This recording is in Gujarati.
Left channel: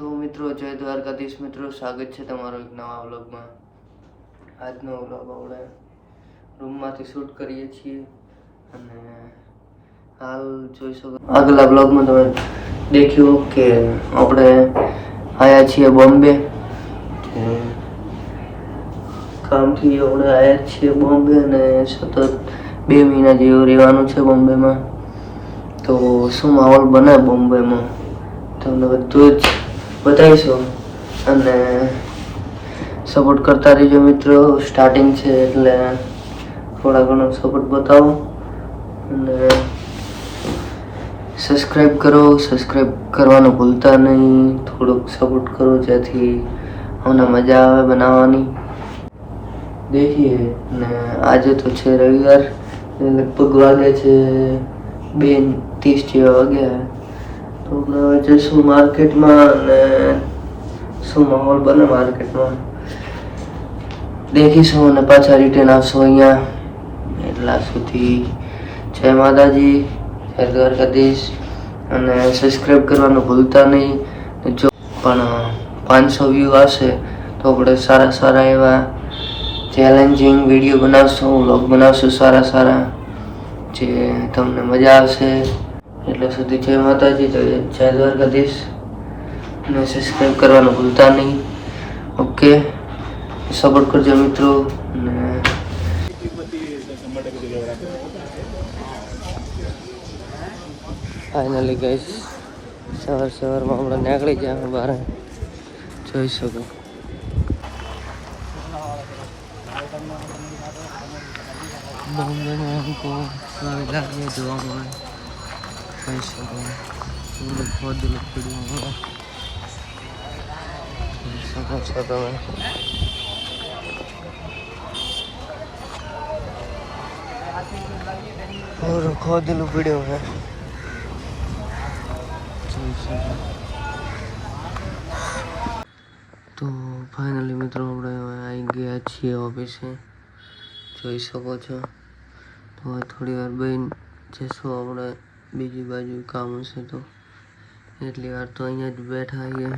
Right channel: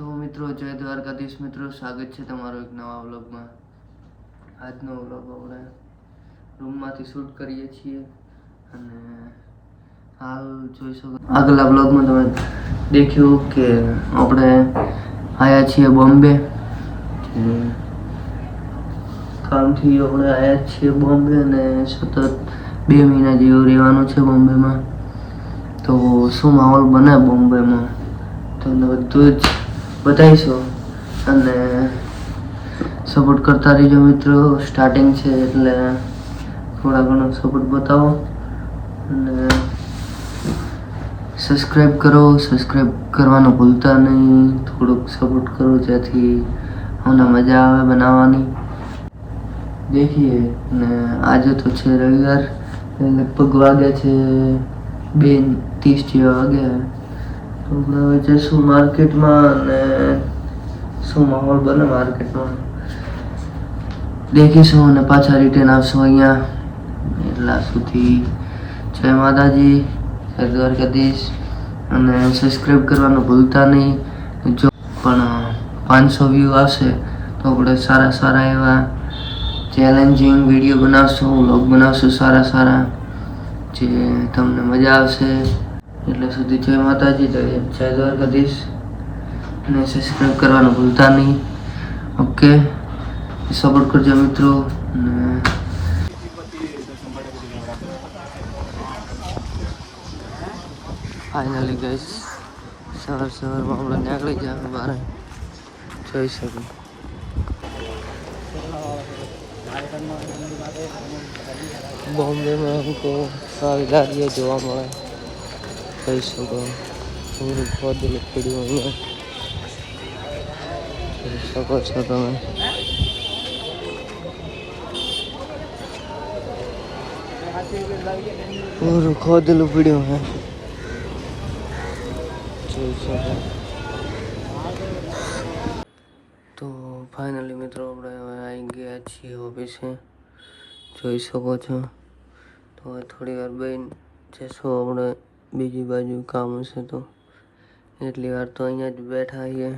તો મિત્રો જય દ્વારકાધીશ મિત્રો, સ્વાગત છે તમારો એક નવા વ્લોગમાં। આજનો વ્લોગ આપણે રૂમમાંથી શૂટ કરીએ છીએ અને હાલ જોઈ શકો આગલા વ્લોગમાં તમે દેખ્યું કે આપણે આવ્યા છીએ બોમ્બે। કામથી આપણે આવ્યા છીએ બોમ્બે અને સતત 2 મહિના જેવું રહેવાનું છે બોમ્બેમાં। તો શું માહોલ બને બોમ્બેમાં તમને બધું જ બતાવીશું અને સપોર્ટ કરતા રહેજો મિત્રો। સ્ટાર્ટિંગ છે એટલે થોડા ઘણો સપોર્ટ બતાવો અને સબસ્ક્રાઈબ કરો। સબસ્ક્રાઈબ કરવાનું ભૂલતા નહીં, થોડુંક સપોર્ટ કરો જેથી અમને મજા આવે બનાવવાની। દેખીએ ને આજે તો છે રવિવાર, લગભગ વાગ્યા છે 2:30 જેવા વાગ્યા। તો આપણે હવે જઈશું માર્કેટમાં અને શું માહોલ બને માર્કેટમાં દેખીશું અને પાછા રિટર્ન આવશું અહીંયા। એટલા સુધી જય માતાજી, જય દ્વારકાધીશ અને સબસ્ક્રાઈબ કરવાનું ભૂલતા નહીં। જો પણ 500 વ્યૂ આવશે તો આપણે સારા એવા ચેલેન્જિંગ વિડીયો બનાવશું, વ્લોગ બનાવશું સારા જે તમને મજા આવશે। એટલે સુધી જય માતાજી, જય દ્વારકાધીશ અને સબસ્ક્રાઈબ કરવાનું ભૂલતા નહીં। ઓકે, સપોર્ટ કરજો મિત્રો। અને ફાઇનલી ગાઈસ સવારમાં આપણે નીકળી ગયા બહાર, જોઈ શકો। બોમ્બેમાં हमको સારી ગાડીઓ જોવા મળે, જોઈ શકો। થોડું ખોદેલું પડ્યું અહીંયા, જોઈ શકો છો તમે। થોડું ખોદેલું પડ્યું જોઈ શકો। તો ફાઇનલી મિત્રો આપણે હવે આવી ગયા છીએ ઓફિસે, જોઈ શકો છો। તો થોડી વાર બેન જશું આપણે બીજી બાજુ કામ હશે તો, એટલી વાર તો અહીંયા જ બેઠા છીએ।